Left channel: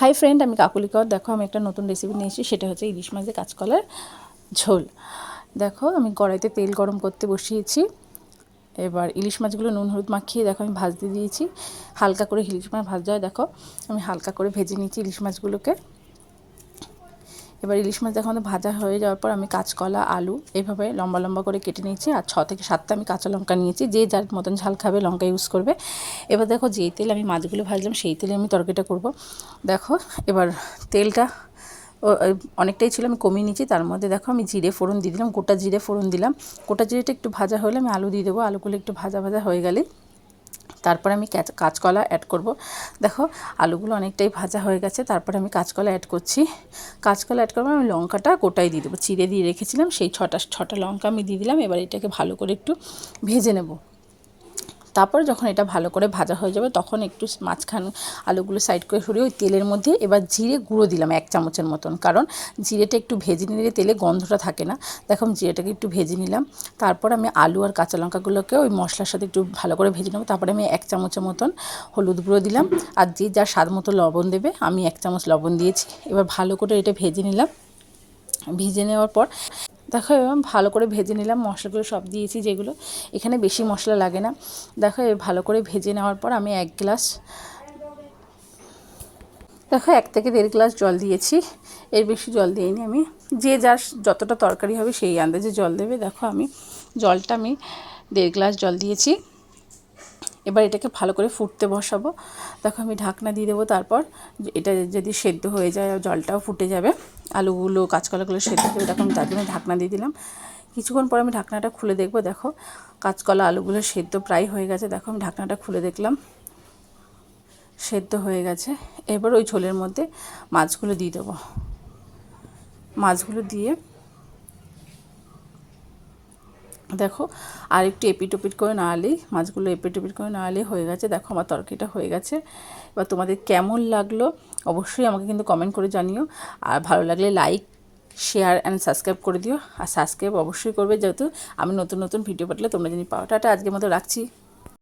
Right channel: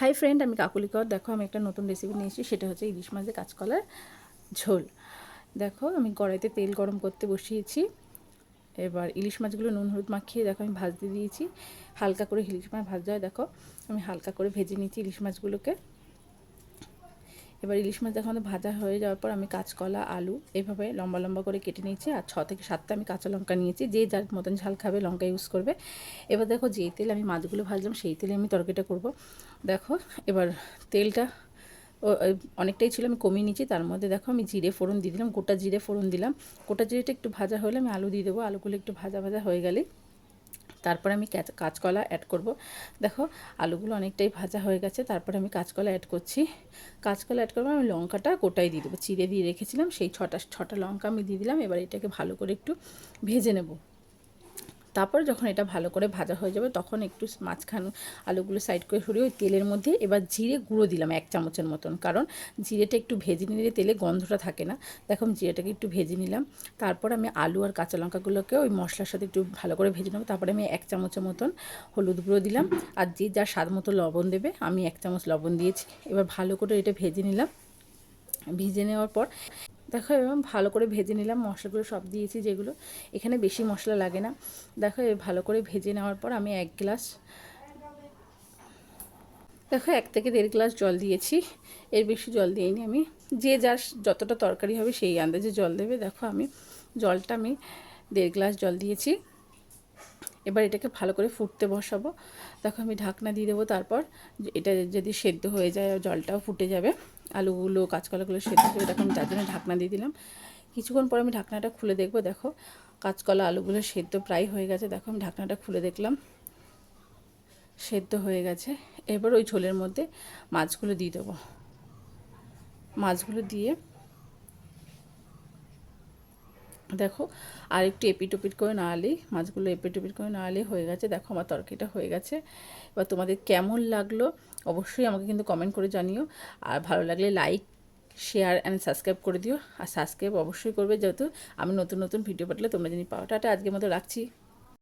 Hi friend, আমি কাকুলি কর। দেখো আমি একটা নতুন রেসিপি নিয়েছি, সেটা হচ্ছে ইলিশ মাছের কাঁচকলার ঝোল। দেখো আমি কড়াইতে তেল গরম করতে বসিয়েছি। এবার ইলিশ মাছগুলো নুন হলুদ মাখিয়ে দেখো আমি ভাজতে দিয়েছি। হালকা করে ইলিশ মাছ ভাজা হয়, দেখো আমি হালকা করে ভেজে নিয়েছি ইলিশ মাছগুলোকে। এবার ইলিশ মাছ দেখো আমাদের ভাজা হয়ে যাওয়ার পর আমি কাঁচকলা আলু এভাবে লম্বা লম্বা করে কেটে নিয়েছি, আর 6 থেকে 7টা আমি কাঁচা লঙ্কা নিয়েছি। যে যার মতন ঝাল খাবে লঙ্কা ইউজ করবে। এবার দেখো যেই তেল আমি মাছগুলো ভাজলাম সেই তেলে আমি তরকারিটা করব। দেখো এবার তেলটা অনেকটাই ছিল, আমি কমিয়ে নিয়েছি। তার মধ্যে দেখো আমি জিরে ফোড়ন দিয়ে দিলাম, গোটা জিরে ফোড়ন দিলাম। গোটা জিরেটা একটু ভাজা হলে আমি আলু দিয়ে দেবো। আলুগুলো একটু ভাজা ভাজা হয়ে গেলেই তারপরে আমি কাঁচকলা অ্যাড করব। দেখো আলুগুলো অনেকটাই ভাজা হয়ে গেছে, তারপরে আমি কাঁচকলা অ্যাড করছি। কাঁচকলা অ্যাড করবো, আমি লঙ্কাটা গোটাই দিয়ে দেবো, চিড়ে দিয়ে রেখেছিলাম সেই ছটা লঙ্কা আমি দিয়ে দিলাম। এবার এটাকে ভালো করে একটু ভেজে নেব। তারপর যখন এটা ভালো করে ভাজা হয়ে যাবে তখন একটু মাঝখানে আলুগুলো সাইড করে সরিয়ে ওই তেলের মধ্যে এবার জিরে গুঁড়ো দিলাম 1 চামচের মতন, কারণ জিরেটা একটু ভেজে নিলে তেলে গন্ধটা থাকে না। দেখো আমি জিরেটাকে একটু ভেজে নিলাম। তারপর আমি আলু আর কাঁচা লঙ্কাগুলোকে ওই মশলার সাথে একটু ভালো করে ভেজে নেবো। তারপরে আমি 1 চামচের মতন হলুদ গুঁড়ো দিলাম, আর যে যার স্বাদ মতো লবণ দেবে। আমি 1 চামচ লবণ দিয়েছি। এবার ভালো করে এটা ভেজে নিলাম। ভেজে নেওয়ার পর দেখো এবার ভালো করে ভেজে নিলাম, মশলাগুলো সব দিয়েছি যেগুলো, এখানে বেশি মশলা লাগে না। দেখো ভালো করে ভেজে নেওয়ার পর আমি 1 গ্লাস, দেখো 1 থেকে 1.5 গ্লাস জল দিয়েছি। এর বেশি জল দিইনি আমি। যে যার যতটা তরকারি হবে সেই আন্দাজে জল দেবে। দেখো আমি 1.5 গ্লাস জল দিয়েছি। এবার এটাকে ভালো করে ফুটতে বসাবো। দেখো আমি ঢাকনা দিয়ে দেবো। তারপর এটা যদি সেদ্ধ হয়ে যায় জলটাও ফুটে যাবে, আলুগুলো কাঁচকলাগুলো সেদ্ধ হয়ে, দেখো আমি তার জন্য ঢাকনা দিয়ে দিলাম। কিছুক্ষণ পর আমি ঢাকনাটা খুলে দেখবো। দেখো কাঁচকলা আলুগুলো সেদ্ধ প্রায় হয়ে গেছে। দেখো আমি ঢাকনাটা খুলে দেখলাম সেদ্ধ হয়ে গেছে। এবার ওই ঝোলের মধ্যে মাছগুলো দিয়ে দেবো। মাছগুলো দিয়ে দেখো আর একটু এপিট ওপিট করে নাড়লেই, মাছগুলো এপিট ওপিট করে নাড়লেই হয়ে গেছে। দেখো আমার তরকারিটা হয়ে গেছে। এবার তোমাদের কেমন লাগলো অবশ্যই আমাকে কিন্তু কমেন্ট করে জানিও। আর ভালো লাগলে লাইক শেয়ার অ্যান্ড সাবস্ক্রাইব করে দিও। আর সাবস্ক্রাইব অবশ্যই করবে, যেহেতু আমি নতুন নতুন ভিডিও পাঠালে তোমরা জানি পাও। টাটা, আজকের মতো রাখছি।